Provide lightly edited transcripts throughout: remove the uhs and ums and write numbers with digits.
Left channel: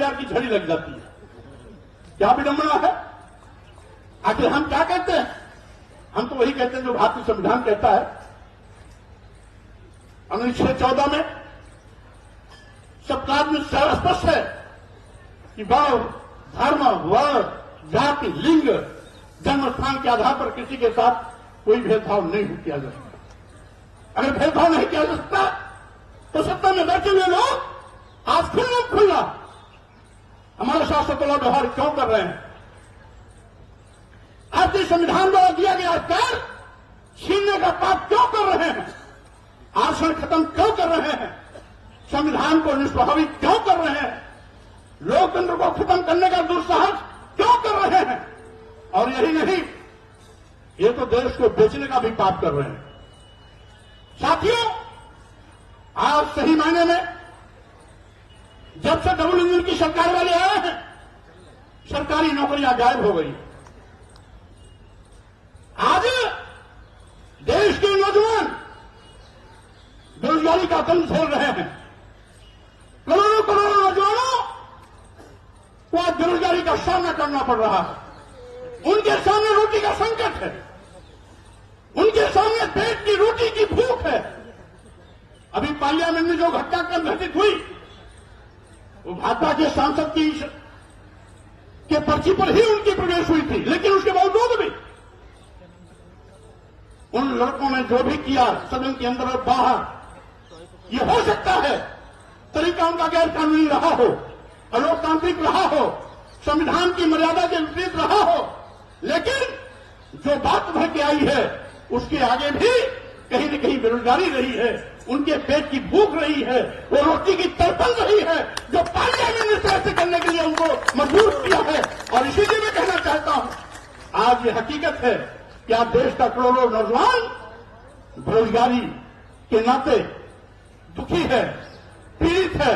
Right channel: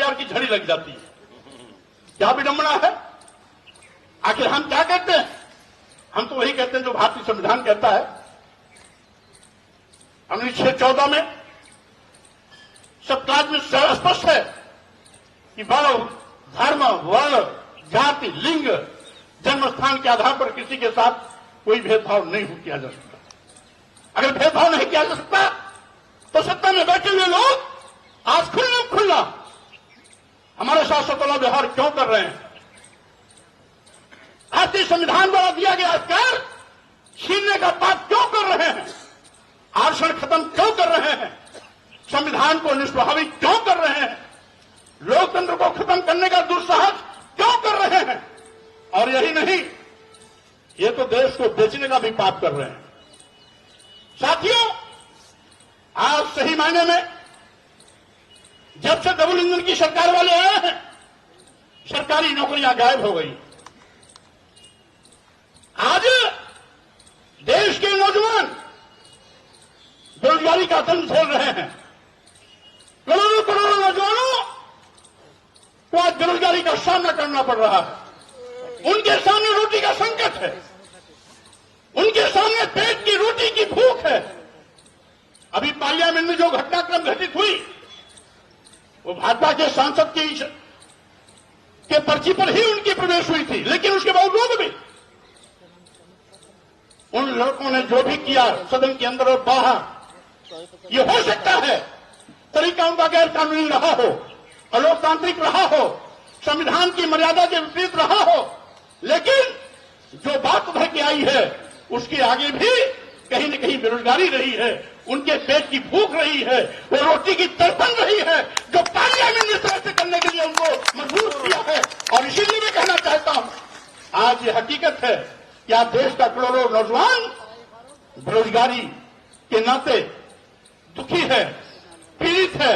FIR की झड़ी लग जाती है। क्या विडंबना है। आखिर हम क्या कहते हैं? हम तो वही कहते हैं जो भारतीय संविधान कहता है। अनुच्छेद 14 में सब क्लास में स्पष्ट है कि वर्ण, धर्म, वर्ण, जाति, लिंग, जन्म स्थान के आधार पर किसी के साथ कोई भेदभाव नहीं किया जा सकता। अगर भेदभाव नहीं किया जा सकता तो सत्ता में बैठे हुए लोग आज खुल्ला हमारे साथ सतला व्यवहार क्यों कर रहे हैं? भारतीय संविधान द्वारा दिया गया अधिकार छीनने का पाप क्यों कर रहे हैं? आरक्षण खत्म क्यों कर रहे हैं? संविधान को निष्प्रभावित क्यों कर रहे हैं? लोकतंत्र को खत्म करने का दुस्साहस क्यों कर रहे हैं? और यही नहीं, ये तो देश को बेचने का भी पाप कर रहे हैं। साथियों, आज सही मायने में जब से डबल इंजन की सरकार वाले आए हैं, सरकारी नौकरियां गायब हो गई। आज देश के नौजवान बेरोजगारी का दंड झेल रहे हैं। करोड़ों करोड़ों नौजवानों को आज बेरोजगारी का सामना करना पड़ रहा है। उनके सामने रोटी का संकट है, उनके सामने पेट की रोटी की भूख है। अभी पार्लियामेंट में जो घटनाक्रम घटित हुई वो भाजपा के सांसद के पर्ची पर ही उनकी प्रवेश हुई थी, लेकिन उसके बावजूद भी उन लड़कों ने जो भी किया सदन के अंदर और बाहर, ये हो सकता है तरीका उनका गैर कानूनी रहा हो, अलोकतांत्रिक रहा हो, संविधान की मर्यादा के विपरीत रहा हो, लेकिन जो बात उभर के आई है उसके आगे भी कहीं न कहीं बेरोजगारी रही है, उनके पेट की भूख रही है, वो रोटी की तड़पन रही है, जो पार्लियामेंट ने इस तरह से करने के लिए उनको मजबूर किया है। और इसीलिए मैं कहना चाहता हूं, आज ये हकीकत है कि आज देश का करोड़ों नौजवान बेरोजगारी के नाते दुखी है, पीड़ित है,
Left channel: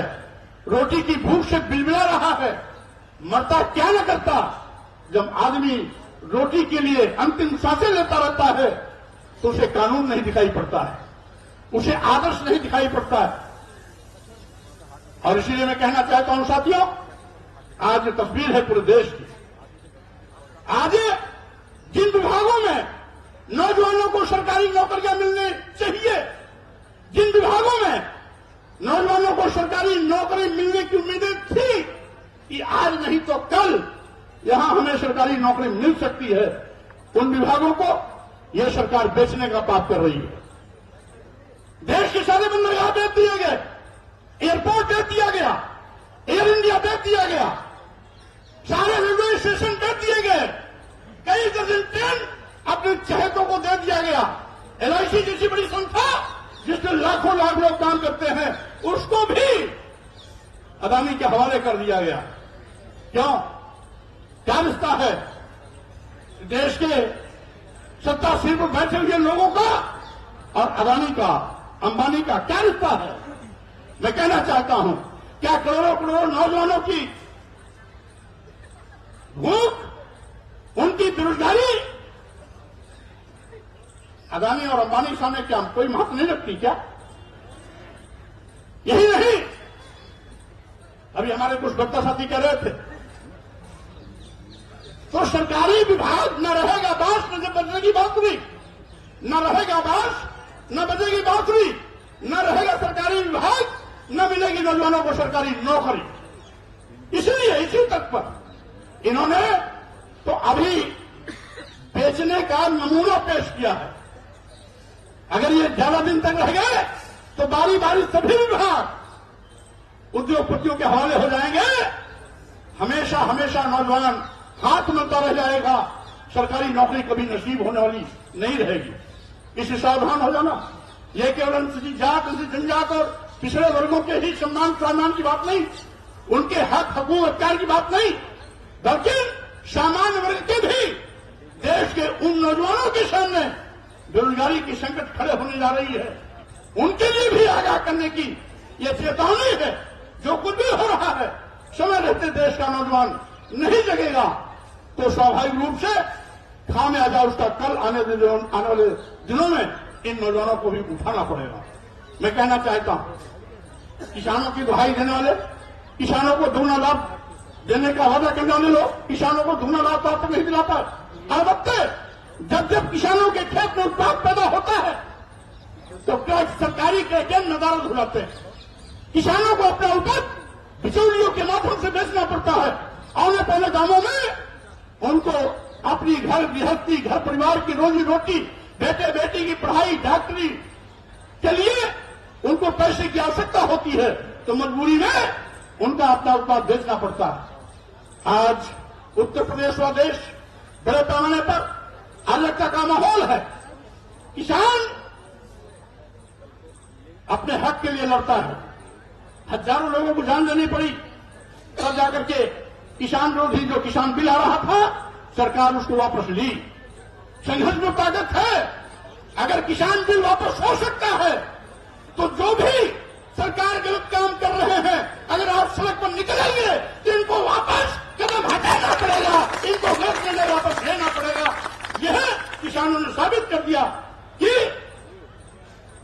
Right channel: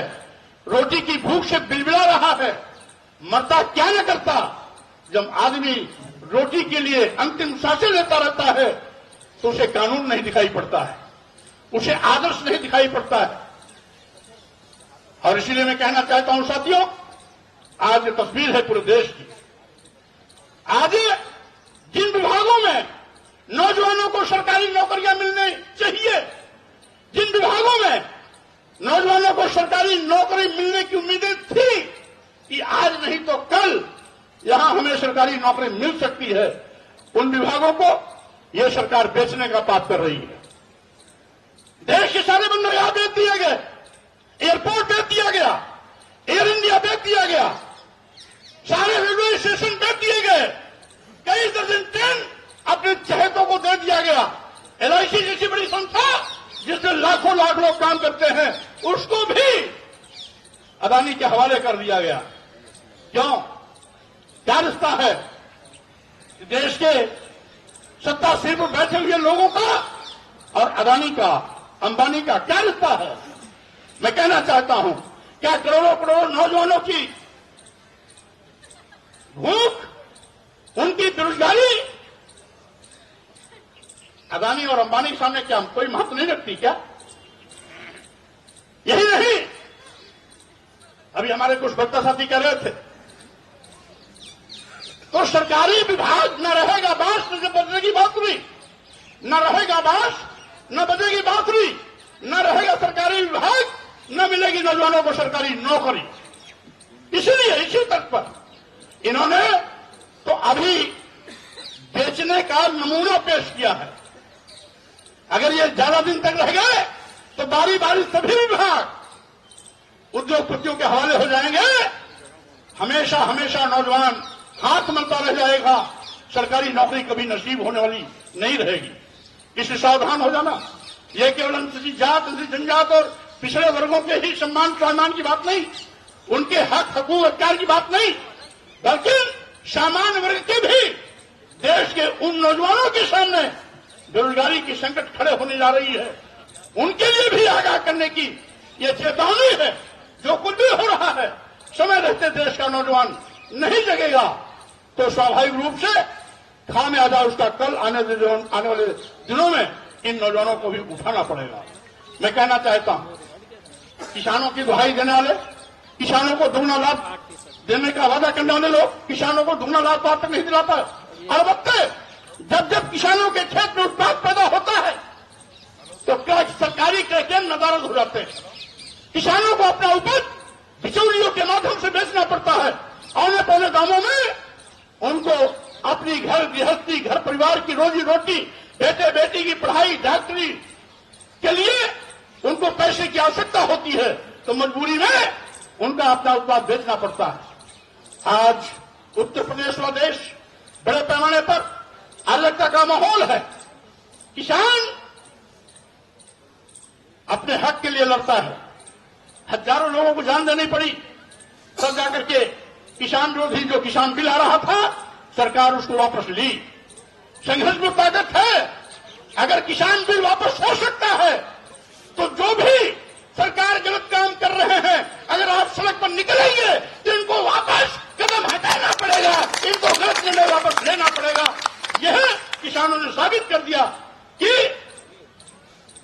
रोटी की भूख से बिलबिला रहा है। मरता क्या न करता, जब आदमी रोटी के लिए अंतिम सांसें लेता रहता है तो उसे कानून नहीं दिखाई पड़ता है, उसे आदर्श नहीं दिखाई पड़ता है। और इसीलिए मैं कहना चाहता हूं साथियों, आज ये तस्वीर है पूरे देश की। आज जिन विभागों में नौजवानों को सरकारी नौकरियां मिलनी चाहिए, जिन विभागों में नौजवानों को सरकारी नौकरी मिलने की उम्मीदें थी कि आज नहीं तो कल यहां हमें सरकारी नौकरी मिल सकती है, उन विभागों को यह सरकार बेचने का पाप कर रही है। देश के सारे बंदरगाह बेच दिए गए, एयरपोर्ट बेच दिया गया, एयर इंडिया बेच दिया गया, सारे रेलवे स्टेशन बेच दिए गए, कई दर्जन ट्रेन अपने चहेतों को दे दिया गया। एलआईसी जैसी बड़ी संस्था जिसमें लाखों लाख लोग काम करते हैं, उसको भी अदानी के हवाले कर दिया गया। क्यों? क्या रिश्ता है देश के सत्ता सीट पर बैठे हुए लोगों का और अदानी का, अंबानी का क्या रिश्ता है? मैं कहना चाहता हूं, क्या करोड़ों करोड़ों नौजवानों की भूख, उनकी बेरोजगारी अदानी और अंबानी के सामने क्या कोई महत्व नहीं रखती क्या? यही नहीं, अभी हमारे कुछ बच्चा साथी कह रहे थे तो सरकारी विभाग न रहेगा बांस न बजेगी बांसुरी, न रहेगा बांस न बजेगी बांसुरी, न रहेगा सरकारी विभाग, न मिलेगी नौजवानों को सरकारी नौकरी। इसलिए इसी तक पर इन्होंने तो अभी बेचने का नमूना पेश किया है। अगर ये ज्यादा दिन तक रह गए तो बारी बारी सभी विभाग उद्योगपतियों के हवाले हो जाएंगे। हमेशा हमेशा नौजवान हाथ मलता रह जाएगा, सरकारी नौकरी कभी नसीब होने वाली नहीं रहेगी। इससे सावधान हो जाना। ये केवल अनुसूचित जात, अनुसूचित जनजात और पिछड़े वर्गों के ही सम्मान की बात नहीं, उनके हक हकूक अधिकार की बात नहीं, बल्कि सामान्य वर्ग के भी देश के उन नौजवानों के सामने बेरोजगारी की संकट खड़े होने जा रही है, उनके लिए भी आगाह करने की यह चेतावनी है। जो कुछ भी हो रहा है, समय रहते देश का नौजवान नहीं जगेगा तो स्वाभाविक रूप से खामियाजा उसका कल आने वाले दिनों में इन नौजवानों को भी उठाना पड़ेगा। मैं कहना चाहता हूं, किसानों की दुहाई देने वाले, किसानों को दोगुना लाभ देने का वादा करने वाले लोग किसानों को दोगुना लाभ प्राप्त नहीं दिला पाए। अलबत्ते जब जब किसानों के खेत में उत्पाद पैदा होता है तो क्या सरकारी कार्यक्रम नदारद हो जाते हैं। किसानों को अपना उपज बिचौलियों के माध्यम से बेचना पड़ता है। औने पौने दामों में उनको अपनी घर गृहस्थी घर परिवार की रोजी रोटी बेटे बेटी की पढ़ाई डॉक्टरी के लिए उनको पैसे की आवश्यकता होती है तो मजबूरी में उनका अपना उत्पाद बेचना पड़ता है। आज उत्तर प्रदेश व देश बड़े पैमाने पर अराजकता का माहौल है। किसान अपने हक के लिए लड़ता है। हजारों लोगों को जान देनी पड़ी तब जाकर के किसान विरोधी जो किसान बिल आ रहा था सरकार उसको वापस ली। संघर्ष में ताकत है। अगर किसान बिल वापस हो सकता है तो जो भी सरकार गलत काम कर रहे हैं अगर आप सड़क पर निकलेंगे तो इनको वापस कदम हटाना पड़ेगा, इनको गलत निर्णय वापस लेना पड़ेगा। यह किसानों ने साबित कर दिया कि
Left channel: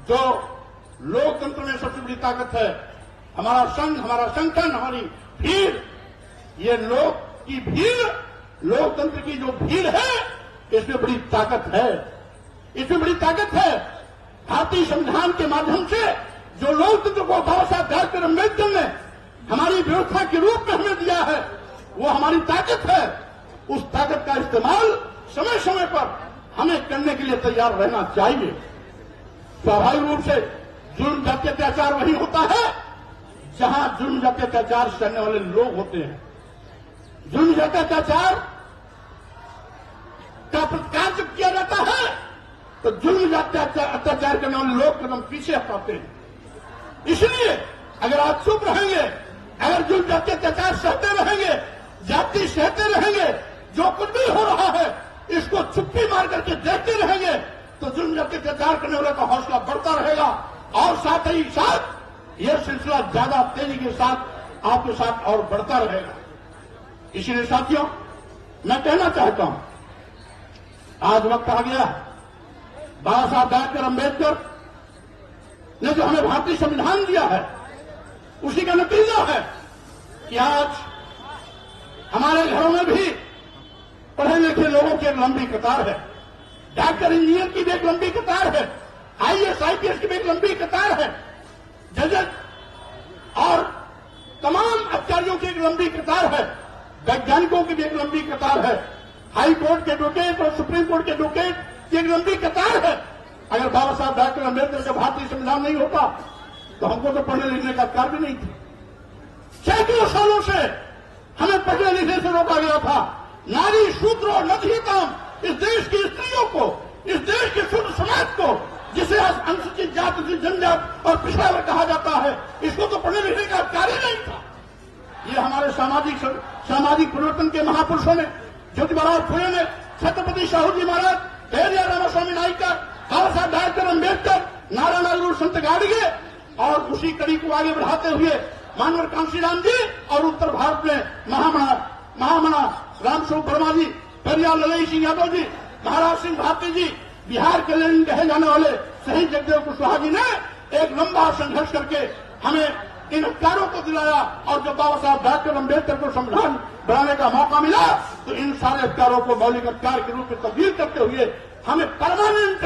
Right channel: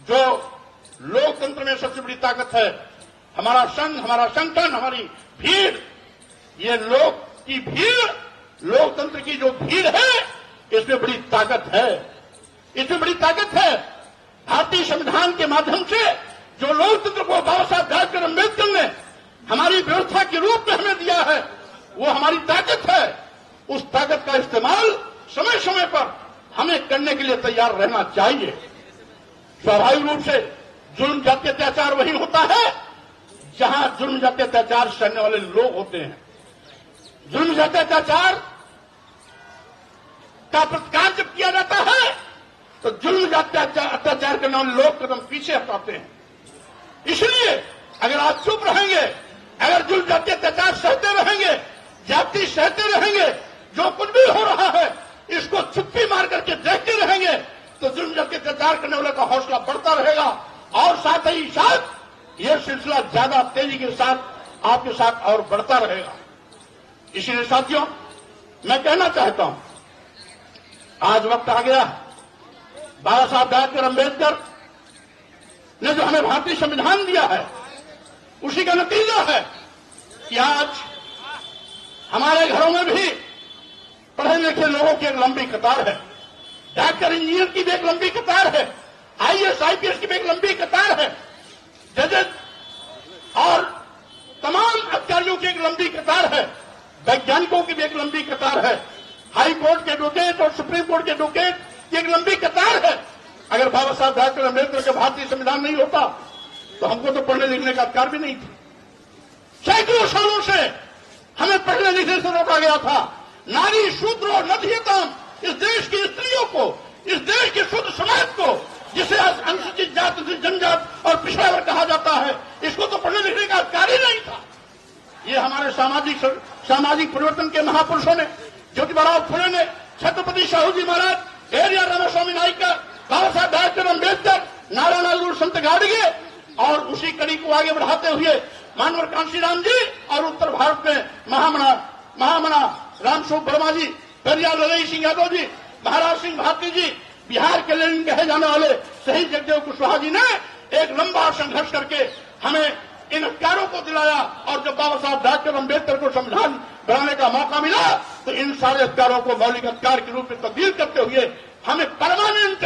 जो लोकतंत्र में सबसे बड़ी ताकत है हमारा संघ हमारा संगठन हमारी भीड़, ये लोग की भीड़ लोकतंत्र की जो भीड़ है इसमें बड़ी ताकत है। इसमें बड़ी ताकत है। भारतीय संविधान के माध्यम से जो लोकतंत्र को बाबा साहब डॉक्टर अम्बेडकर ने हमारी व्यवस्था के रूप में हमें दिया है वो हमारी ताकत है। उस ताकत का इस्तेमाल समय समय पर हमें करने के लिए तैयार रहना चाहिए। स्वाभाविक रूप से जुल्म जाति अत्याचार वही होता है जहां जुल्म जाति अत्याचार करने वाले लोग होते हैं। जुल्म जाति अत्याचार का प्रतिकार जब किया जाता है तो जुल्म जाति अत्याचार करने वाले लोग कदम पीछे हटाते हैं। इसलिए अगर आप चुप रहेंगे, अगर जुल्म जाति अत्याचार सहते रहेंगे, जाति सहते रहेंगे, जो कुछ भी हो रहा है इसको चुप्पी मार करके देखते रहेंगे तो जुल्म जाति अत्याचार करने वाले का हौसला बढ़ता रहेगा और साथ ही साथ यह सिलसिला ज्यादा तेजी के साथ आपके साथ और बढ़ता रहेगा। इसीलिए साथियों मैं कहना चाहता हूं आज वक्त आ गया। बाबा साहब डॉक्टर अम्बेडकर ने जो हमें भारतीय संविधान दिया है उसी का नतीजा है कि आज हमारे घरों में भी पढ़े लिखे लोगों की एक लंबी कतार है। डॉक्टर इंजीनियर की भी एक लंबी कतार है। आईएएस आईपीएस की भी एक लंबी कतार है। जजेस और तमाम अधिकारियों की एक लंबी कतार है। वैज्ञानिकों की भी एक लंबी कतार है। हाई कोर्ट के एडवोकेट और सुप्रीम कोर्ट के एडवोकेट की एक लंबी कतार है। अगर बाबा साहब डॉक्टर अम्बेडकर का भारतीय संविधान नहीं होता तो हमको तो पढ़ने लिखने का अधिकार भी नहीं था। सैकड़ों सालों से हमें पढ़ने लिखने से रोका गया था। नारी शूद्रो नधियताम इस देश की स्त्रियों को, इस देश के शुद्ध समाज को जिसे आज अनुसूचित जाति जनजात और पिछड़ा वर्ग कहा जाता है इसको तो पढ़ने लिखने का अधिकार ही नहीं था। ये हमारे सामाजिक परिवर्तन के महापुरुषों ने ज्योतिबा फुले ने, छत्रपति शाहू जी महाराज, एरिया रामास्वामी नायकर, बाबा साहब डॉक्टर अम्बेडकर, नारायण संत गाडगे और उसी कड़ी को आगे बढ़ाते हुए मानवर कांशीराम जी और उत्तर भारत में महामना रामस्वरूप वर्मा जी, पेरियार ललई सिंह यादव जी, महाराज सिंह भारती जी, बिहार के लेनिन कहे जाने वाले शहीद जगदेव कुशवाहा जी ने एक लंबा संघर्ष करके हमें इन अधिकारों को दिलाया। और जब बाबा साहब डॉक्टर अम्बेडकर को संविधान बनाने का मौका मिला तो इन सारे अधिकारों को मौलिक अधिकार के रूप में तब्दील करते हुए हमें परमानेंट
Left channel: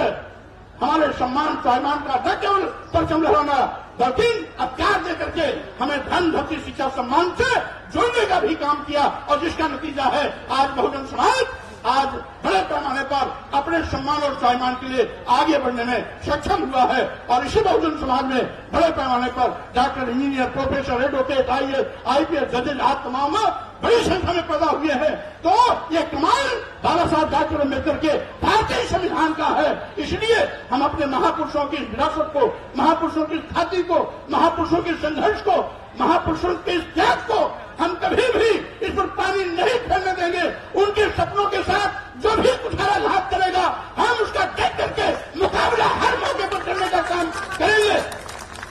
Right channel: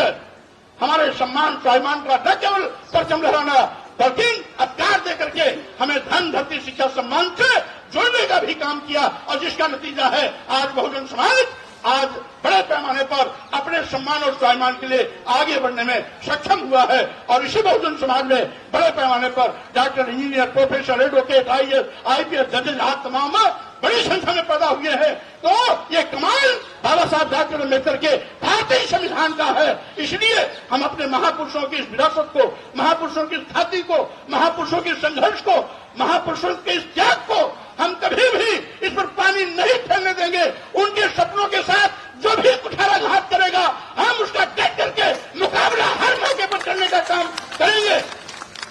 हमारे सम्मान स्वाभिमान का न केवल परचम लहराना बल्कि अधिकार दे करके हमें धन धरती शिक्षा सम्मान से जोड़ने का भी काम किया। और जिसका नतीजा है आज बहुजन समाज आज बड़े पैमाने पर अपने सम्मान और स्वाभिमान के लिए आगे बढ़ने में सक्षम हुआ है। और इसी बहुजन समाज में बड़े पैमाने पर doctor engineer professor advocate IAS IPS जजेस आज तमाम बड़ी संख्या में पैदा हुए हैं। तो ये कमाल बाबा साहब डॉक्टर अम्बेडकर के भारतीय संविधान का है। इसलिए हम अपने महापुरुषों की इस विरासत को, महापुरुषों की ख्याति को, महापुरुषों के संघर्ष को, महापुरुषों के इस त्याग को हम कभी भी इस पर पानी नहीं फैलने देंगे। उनके सपनों के साथ जो भी कुठाराघात करेगा हम उसका टैग करके मुकाबला हर मौके पर करने का काम करेंगे।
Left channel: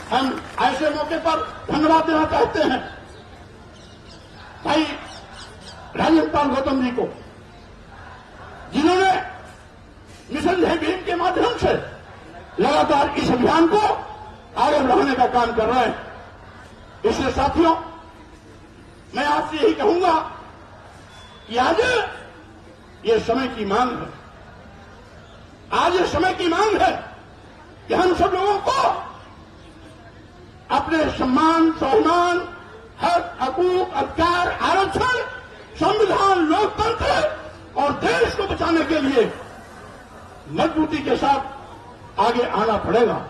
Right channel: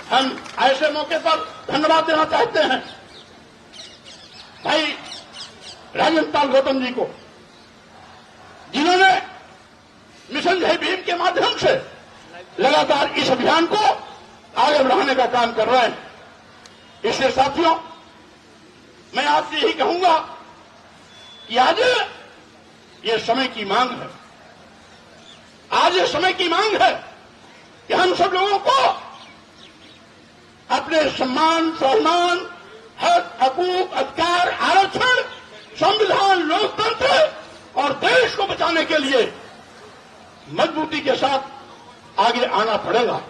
हम ऐसे मौके पर धन्यवाद देना चाहते हैं भाई राजन गौतम जी को, जिन्होंने मिशन जय भीम के माध्यम से लगातार इस अभियान को आगे बढ़ाने का काम कर रहे हैं। इसलिए साथियों आज से यही कहूंगा कि आज ये समय की मांग है, आज ये समय की मांग है कि हम सब लोगों को अपने सम्मान, स्वाभिमान, हक, हकूक, अधिकार, आरक्षण, संविधान, लोकतंत्र और देश को बचाने के लिए मजबूती के साथ आगे आना पड़ेगा।